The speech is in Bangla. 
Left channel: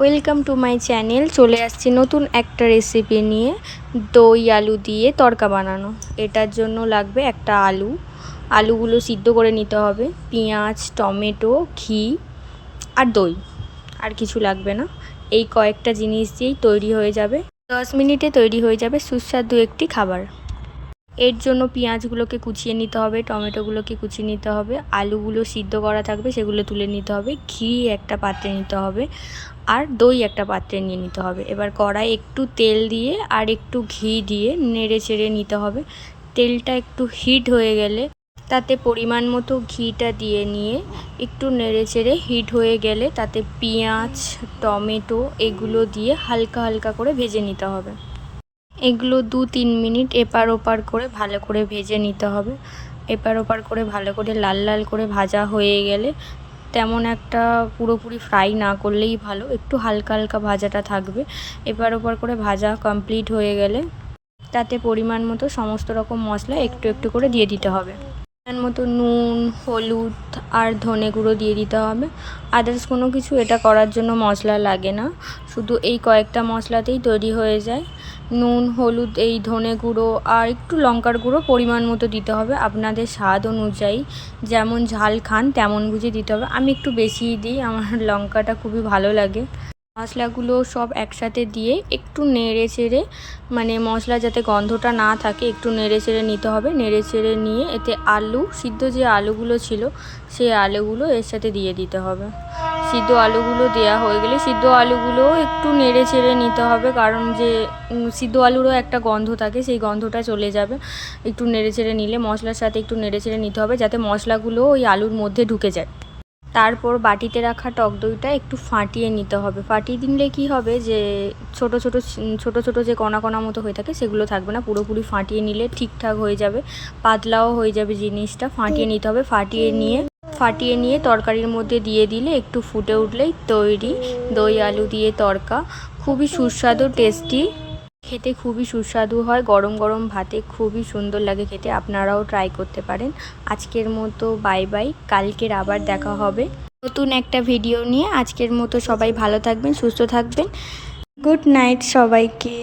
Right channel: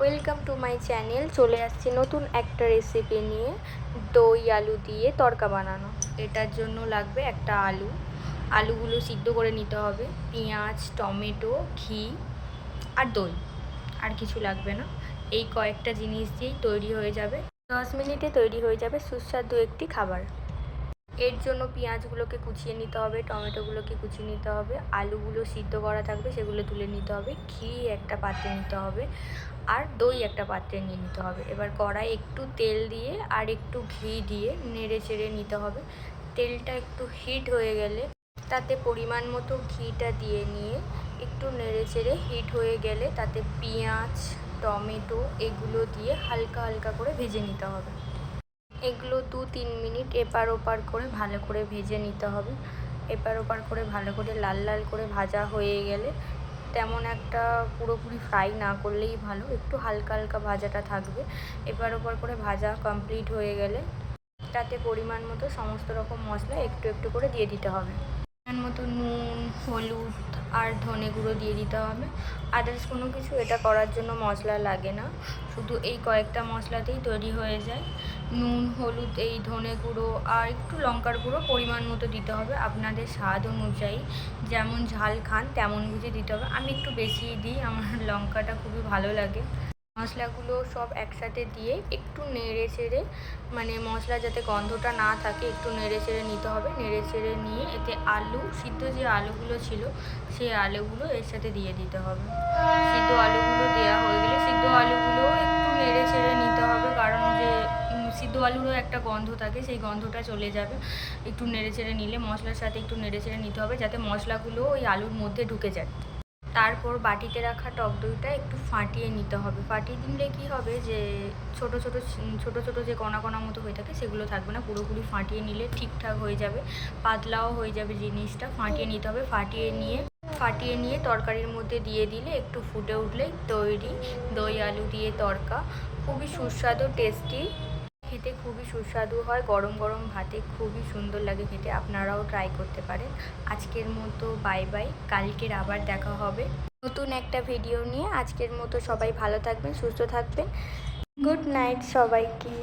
Welcome to my channel. চলে আসছি নতুন একটা রেসিপি নিয়ে, দই আলু দিয়ে তড়কা বানানো। এটার জন্য লাগবে একটা আলুগুলো সিদ্ধ করে নিতে হবে, পেঁয়াজ, টমেটো, ঘি আর দই, আর কিছু লাগবে না। এই কয়েকটা জিনিস দিয়েই তৈরি হয়ে যাবে, 10 মিনিটে তৈরি হয়ে যাবে সুস্বাদু একটি খাবার। এর জন্য পেঁয়াজগুলোকে কুচিয়ে নিতে হবে, টমেটোগুলোকে কুচিয়ে নিতে হবে, আলুগুলো সিদ্ধ করা থাকবে সেগুলো তুলে নিতে হবে, ঘি একটা পাত্রে নিতে হবে আর দই একটা পাত্রে নিয়ে নিতে হবে। এবার কড়াই একটু তেল দিয়ে আর একটু ঘি দিয়ে নেড়ে চেড়ে নিতে হবে। তেলটা একটু হিট হয়ে গেলে তাতে পরিমাণ মতো ঘিটা দিয়ে নিয়ে একটু নেড়ে চেড়ে হিট হয়ে গেলে তাতে পেঁয়াজ, টমেটো এগুলো দিয়ে হালকা হালকা করে ভেজে নিতে হবে। এগুলো 2-3 মিনিট এপার ওপার করে ভালো করে ভেজে নিতে হবে। এপার ওপার করে ভালো করে লাল লাল করে ভাজা হয়ে গেলে, তেমন একটা পুরোপুরি ফ্রাই না করলেই ভালো, একটু হালকা হালকা ভাজাটা থাকবে। এপার ওপার করে ভাজা কমপ্লিট হয়ে গেলে তাতে পরিমাণ মতো সমস্ত রকম মশলা একটু একটু করে দিয়ে দিতে হবে। পরিমাণ মতো নুন, হলুদ আর ধনে গুঁড়ো দিয়ে দিতে হবে। আদার্স কোনো কিছু এটা করার জন্য মশলা লাগে না, শুধু এই কয়েকটা মশলাতেই তৈরি হয়ে যায়। নুন, হলুদ, এই ধনে গুঁড়ো আর একটু লঙ্কার গুঁড়ো পরিমাণ মতো দিতে হবে, আপনাদের স্বাদ অনুযায়ী যেমন ঝাল খান তেমন বুঝে দিতে হবে। আমি একটু বেশিই দিই, আমার লঙ্কাটা খুবই ভালো লাগে। মশলাগুলো সব একসাথে দিয়ে একটু নেড়ে চেড়ে, মানে মশলা যাতে গন্ধটা না থাকে, একটু নেড়ে চেড়ে নিতে হবে। নেড়ে চেড়ে নিয়ে এতে সিদ্ধ যে আলুগুলো ছিল সেই আলুগুলো এর সাথে দিয়ে দিতে হবে। সিদ্ধ আলুগুলো দেওয়া হয়ে গেলে সিদ্ধ আলুগুলো একটু নেড়ে চেড়ে নিতে হবে, কারণ যে সিদ্ধ আলুরও একটা গন্ধ থাকে, সেই গন্ধটা চলে যাবে। একটু নেড়ে চেড়ে নিলে মশলার সাথে একটু নেড়ে চেড়ে নিতে হবে যাতে মশলাগুলো ওই আলুর মধ্যে ঢুকে যায়। তারপর বাটিতে রাখা টক দইটা একটু ফাটিয়ে নিতে হবে। ফাটিয়ে দিলে কি হবে, যে ছোটো ছোটো যে কণা কণা মতো হয়ে থাকে সেগুলো থাকবে না, পুরোপুরি ফাটিয়ে নিলে ঠিকঠাক হয়ে যাবে, পাতলাও হয়ে যাবে জিনিসটা। ফাটিয়ে নিতে হবে। ফাটিয়ে নিয়ে তরকারির মধ্যে দিয়ে দিলে একটু ফুটে উঠলেই তৈরি দই আলু দিয়ে তড়কা। খুবই সুস্বাদু, টেস্টি, খেতে খুবই সুস্বাদু হয়, গরম গরম ভাতে খুবই সুন্দর লাগে খেতে। আপনারাও ট্রাই করতে পারেন। আজকের মতো বাই বাই, কালকের আবার দেখা হবে নতুন একটা ভিডিও নিয়ে। আজকের মতো সবাই ভালো থাকবেন, সুস্থ থাকবেন। গুড নাইট সবাইকে।